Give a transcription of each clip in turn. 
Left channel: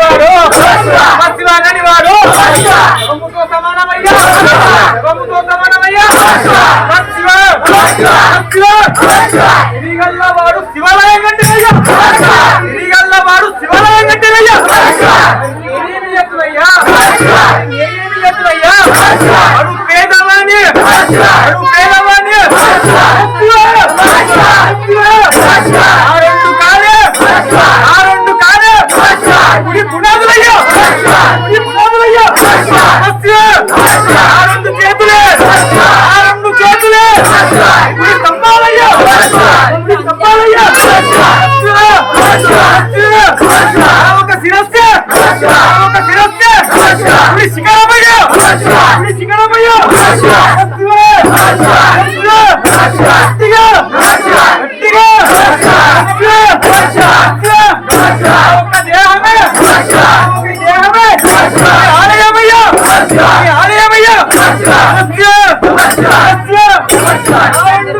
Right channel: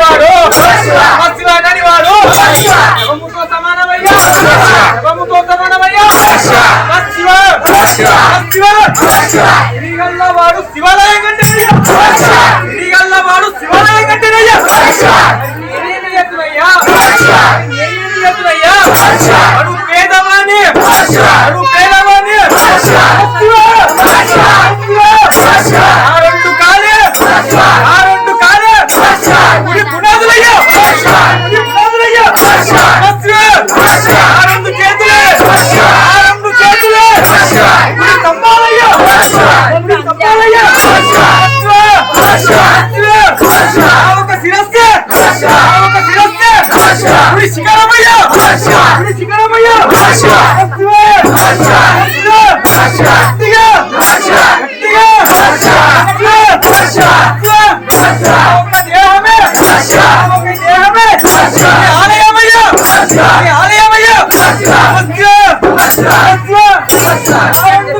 వాడు మత్స్యవాడని వాడు శవముతో సమానమయ్యా శవముతో సమానమయ్యా మత్స్య మత్స్య ఇరిగల్ల వాడు శివాలయం కట్టినయ్యా ఇరిగల్ల వాడు శివాలయం కట్టినయ్యా ఏమేమి అడు పేదవాణి అడు పేద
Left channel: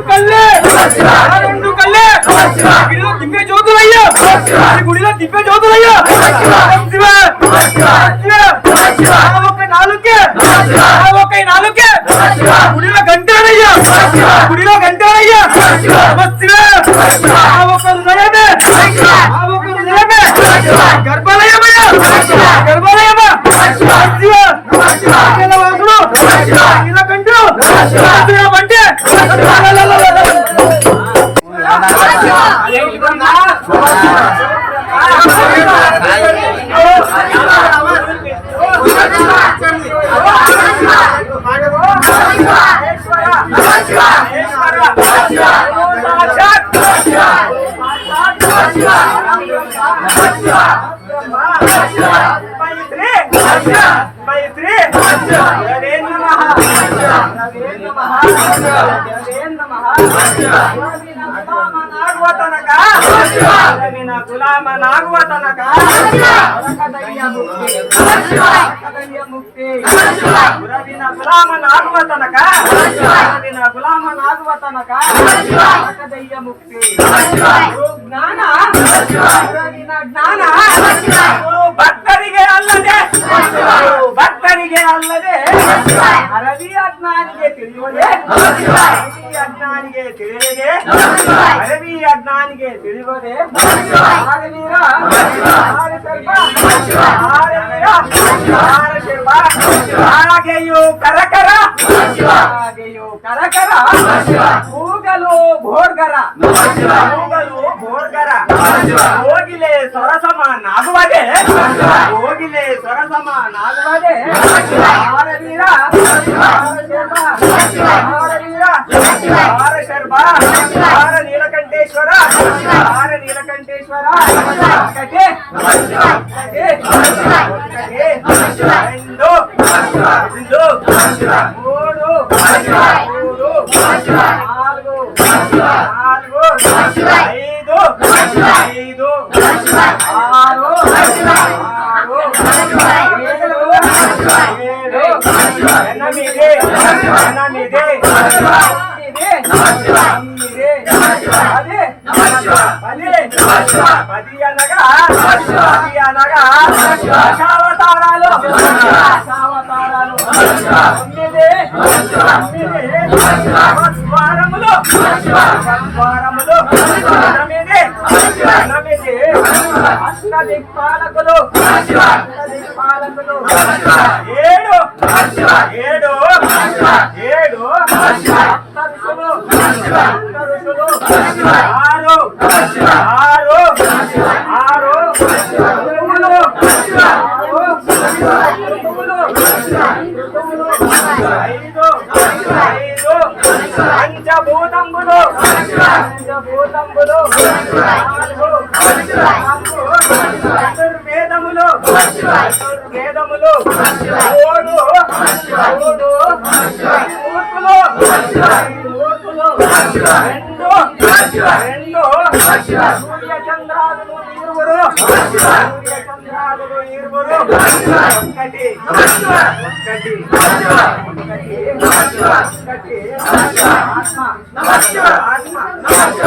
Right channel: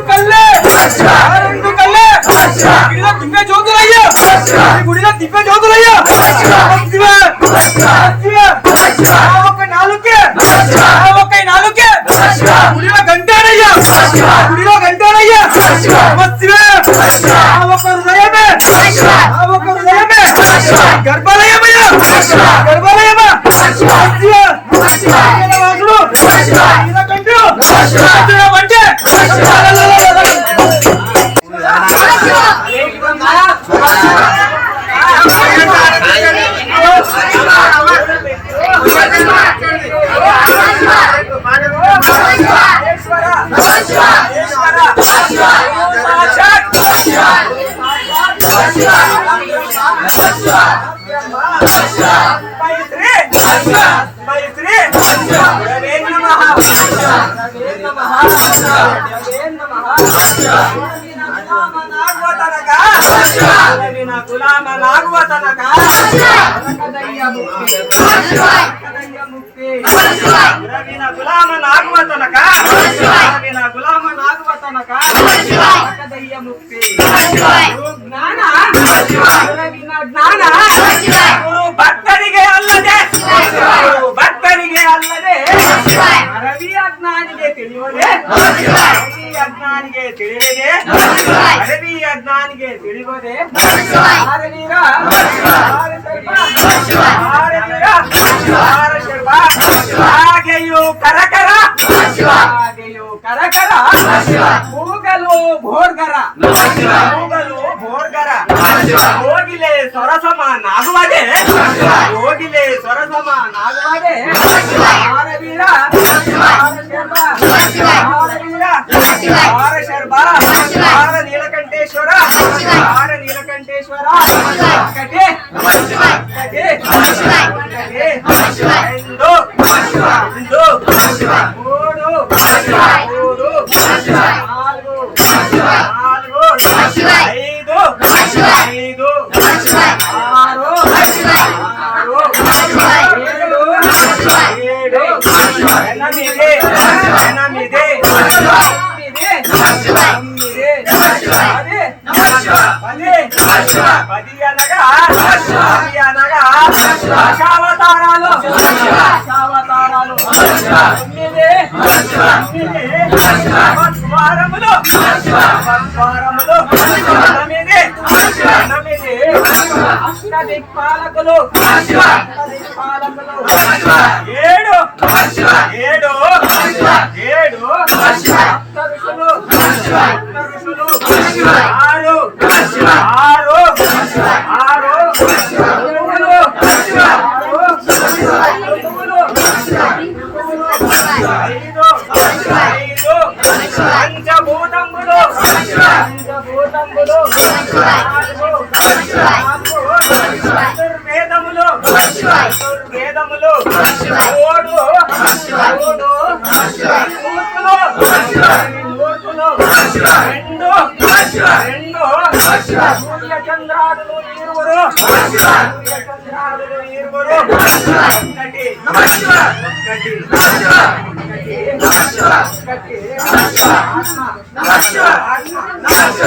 కళ్ళే గుడిలో దివ్య జ్యోతులయ్యా ఈ గుడిలో దివ్య జ్యోతులయ్యా శివ శివ ఆ ఒక నాలుకే. ఒక నాలుకే. గుడిలో గంటేనయ్యా. గుడిలో శివ ఆ ఒక హృదయమే. ఒక హృదయమే. గులామ నాగువతనక కదయ్య ముక్తి కదయ్య ముక్తి రవిన గులామ నాగువతనక రవిన గులామ నాగువతనక కదయ్య ముక్తి ಜ್ಞಾನ ಗುರುವಿನ ಜ್ಞಾನ ಗುರು ಭಕ್ತರಿಗೆ ಅಲ್ಲದೆ ಗುರು ಭಕ್ತರಿಗೆ ಅಲ್ಲದೆ ಅರವಿ ಅಜ್ಞಾನಿಗೆ ತಿಳಿಯುವುದೇ ಅರವಿ ಅಜ್ಞಾನಿಗೆ ತಿಳಿಯದೆ ಅರವಿ ಅಜ್ಞಾನಿಗೆ ತಿಳಿಯುವುದೇ ಆರವೀರ ಆರ ಸರ್ಪ ಆರವೀರ ಆರ ಶರ್ಪ ಹಾಗೆಯೂ ಕರಕರ ಹಾಗೆಯೂ ಕರಕರ, ಮೂಗಲು ಭೋರ್ಗರ ಕೂಗಲು శంకర ఓగిలే సొరసమ నాగువాడే. ఓగిలే సొరసమ నాగువాడే. ఆరవీర ఆరవీర ఆర శర్మ ఆర నీలకంఠేశ్వర ఆర నీలకంఠేశ్వర ఒకటి. ఒకటి. రెండు. రెండు. ఎనమిది ఎనమిది అనగా పది అనగా అష్ట దిక్పాలకులు ఏడు ఏడు ఏడు ఆరు ఆరు ఆరు ఐదు చతుర్వేదములు చతుర్వేదములు ఓడు ఓడు మూర్తులు మూర్తులు రెండు రెండు సూర్య చంద్రాదులు ఇరువురు సూర్య చంద్రాదులు ఇరువురు ఒకటి ఒకటి ఒకటి ఒకటి ఆత్మ ఆత్మ ఆత్మ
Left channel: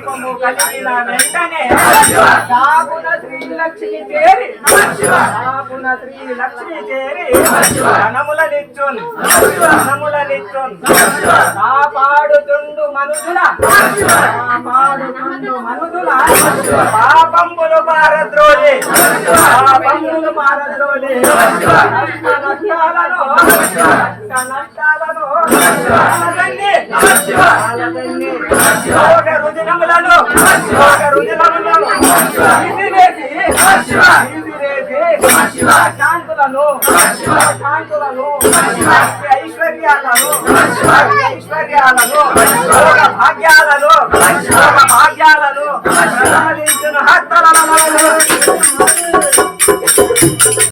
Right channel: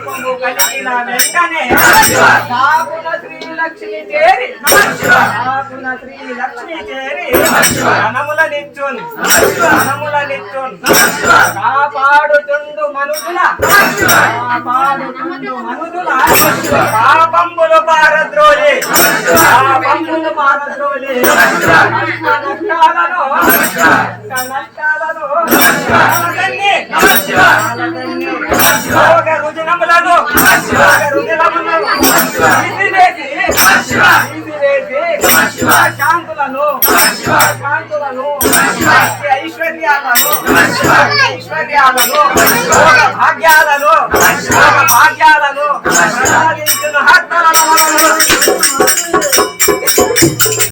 దీపము కలిగిన వెంటనే దాపున శ్రీ లక్ష్మి చేరి దాపున శ్రీ లక్ష్మి చేరి ధనముల నిచ్చున్ ధనముల నిచ్చున్ కాపాడుతుండు మనుషుల కాపాడుతుండు మనుషుల పాపంబులు పారద్రోలి పాపంబులు పారద్రోలి కష్ట నష్టాలను నష్టాలను కాలదన్ని రోగ రుజినములను రోగ శాంతులను శాంతులను ఐశ్వర్యాలను ఐశ్వర్యాలను భోగ భాగ్యాలను భోగ భాగ్యాలను హస్తలను